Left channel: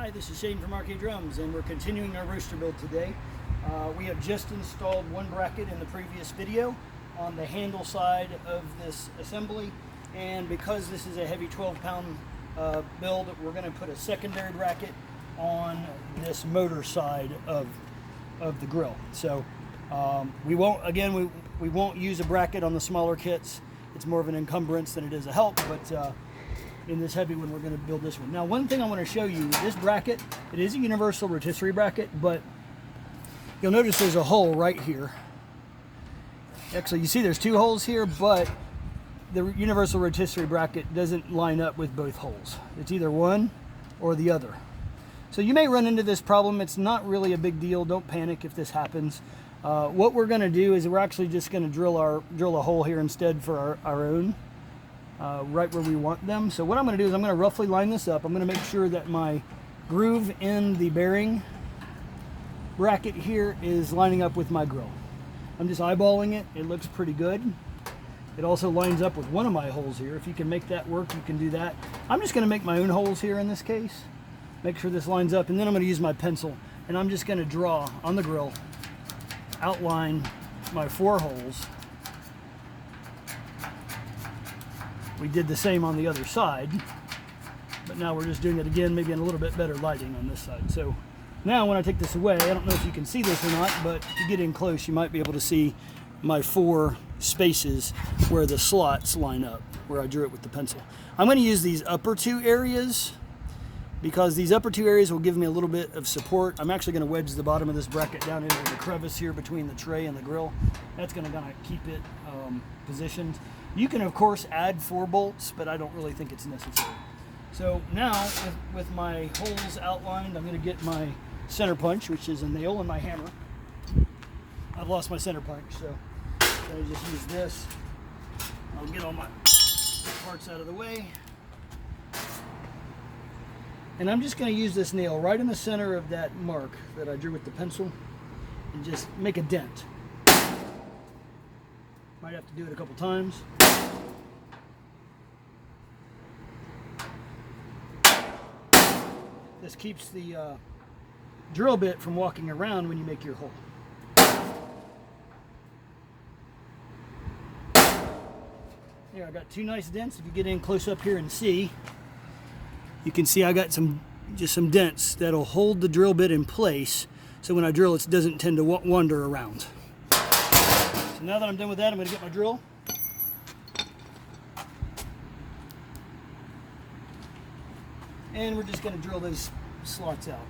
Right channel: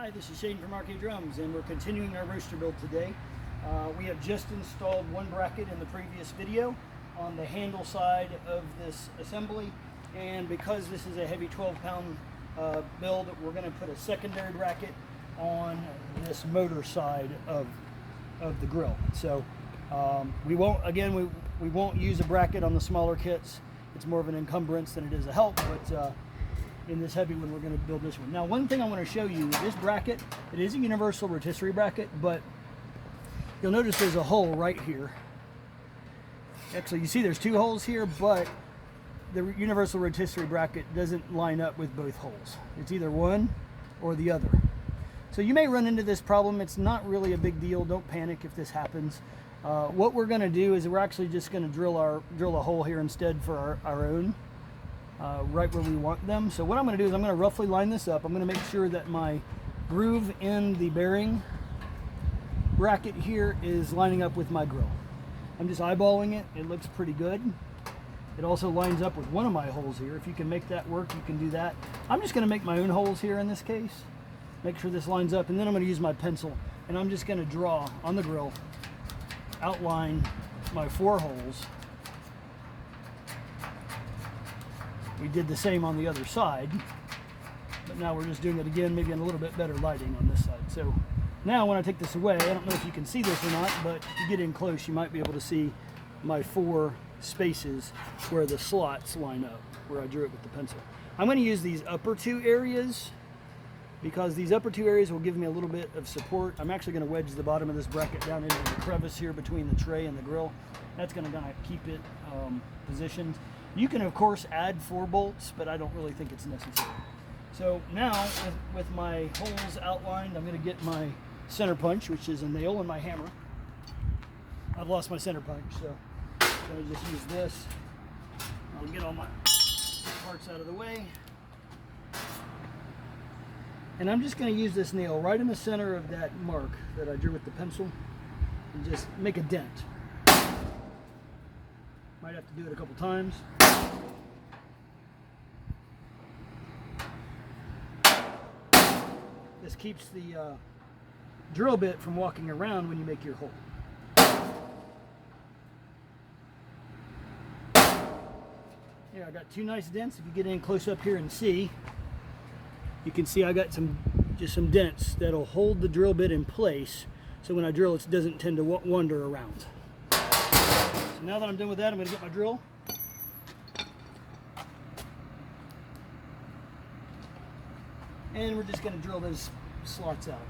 Hi, this is Shane from rkdrums, and we're continuing our roaster build today. We have just installed one bracket in the previous video on the handle side of this assembly, and because this is a heavy 12-pound build, we're going to put a secondary bracket on this motor side of the grill. So we won't use a bracket on the smaller kits. It's more of an encumbrance than it is a help, but in this heavy one, we're going to build this one. Now, one thing I want to show you, this bracket, it is a universal rotisserie bracket, but you'll notice there's a hole right here. Actually, you see there's two holes here, but the universal rotisserie bracket doesn't line up with both holes. It's either one or the other. So you may run into this problem. It's not really a big deal. Don't panic if this happens. What we're going to do is we're actually just going to drill a hole here instead for our own. Right where we want them. So what I'm going to do is I'm going to roughly line this up. I'm going to make sure that my groove in the bearing bracket here is lining up with my grill. I'm just eyeballing it. It looks pretty good. It also lines up with one of my holes here. If you can make that work, you can do that. I'm just going to make my own holes here in this case. Make sure this lines up, and then I'm going to use my pencil, and I'm just going to draw on the grill, outline my 4 holes. We did the same on the other side, but now we're just doing it again, maybe in a little bit better lighting on this side. So now when I take this away, I don't know if you can see this or not, but if you get in close, you might be able to see my 4 spaces where the slots line up, where I drew it with the pencil. I'm going to use these upper 2 areas because these upper 2 areas will give me a little bit of support. I'm actually going to wedge the bottom of this bracket down into the crevice here between the tray and the grill. That's going to kind of keep it positioned. You can, of course, add 4 bolts, but I don't really think it's necessary. So now, with my holes outlined, I'm going to get my center punch, which is a nail, and my hammer. I've lost my center punch, so I'm going to just use this. I'll get all my parts out of the way. And I'm just going to use this nail right in the center of that mark that I drew with the pencil and just make a dent. Might have to do it a couple times. This keeps the drill bit from walking around when you make your hole. Here, I got 2 nice dents. If you get in close up here and see, you can see I got just some dents that'll hold the drill bit in place, so when I drill it doesn't tend to wander around. So now that I'm done with that, I'm going to get my drill. And we're just going to drill those slots out.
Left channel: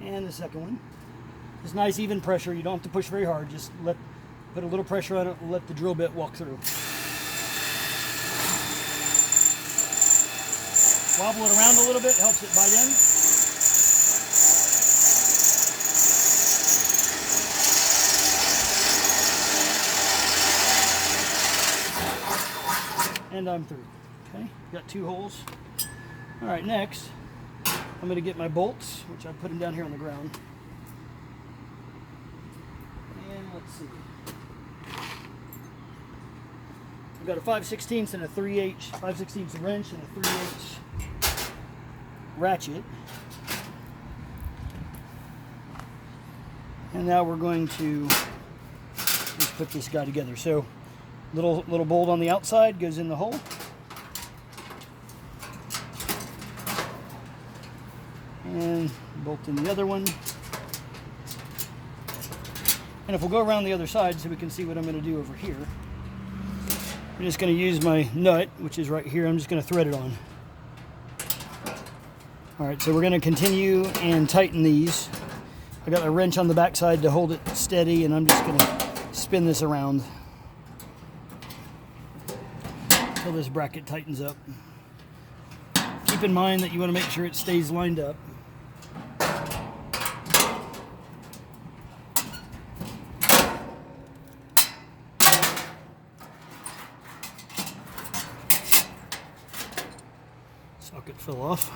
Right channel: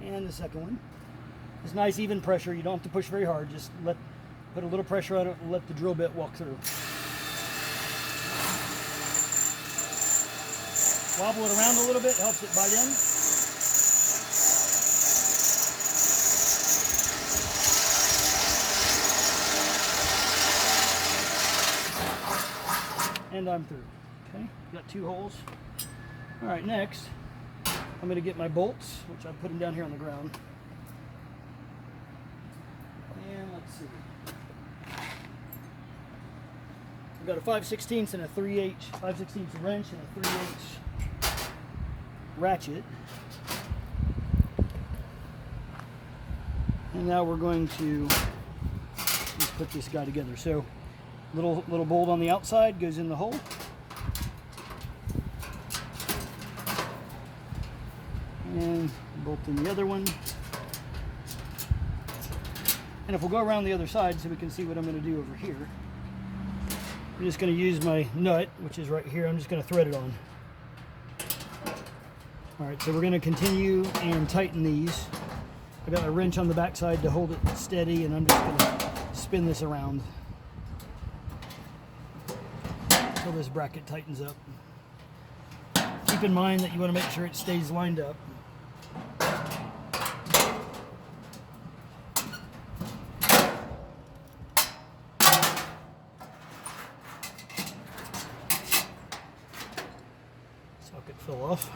And the second one. It's nice even pressure. You don't have to push very hard. Just put a little pressure on it and let the drill bit walk through. Wobble it around a little bit, helps it bite in. And I'm through. Okay, got 2 holes. All right, next, I'm going to get my bolts, which I put them down here on the ground. And let's see. I've got a 5/16 and a 3/8, 5/16 wrench and a 3/8 ratchet. And now we're going to just put this guy together. So little bolt on the outside goes in the hole. And bolt in the other one. And if we'll go around the other side so we can see what I'm going to do over here. I'm just going to use my nut, which is right here. I'm just going to thread it on. All right, so we're going to continue and tighten these. I got a wrench on the back side to hold it steady, and I'm just going to spin this around until this bracket tightens up. Keep in mind that you want to make sure it stays lined up. Socket fell off.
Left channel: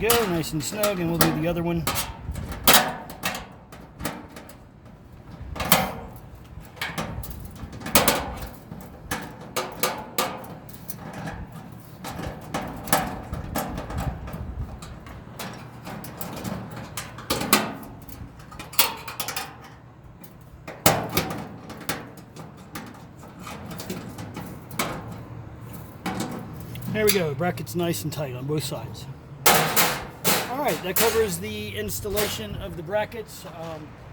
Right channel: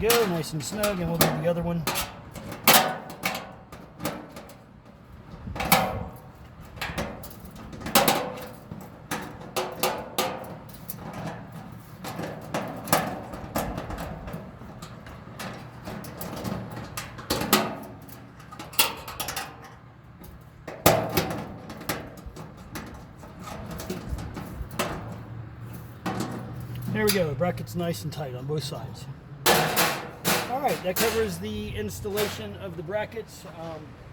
we go, nice and snug, and we'll do the other one. There we go, brackets nice and tight on both sides. All right, that covers the installation of the brackets.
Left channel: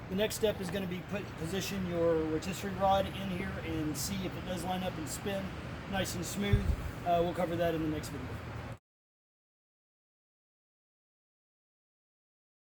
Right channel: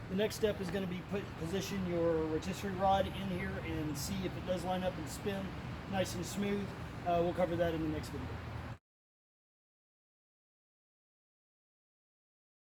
The next step is going to be position your rotisserie rod in here and see if it does line up and spin nice and smooth. We'll cover that in the next video.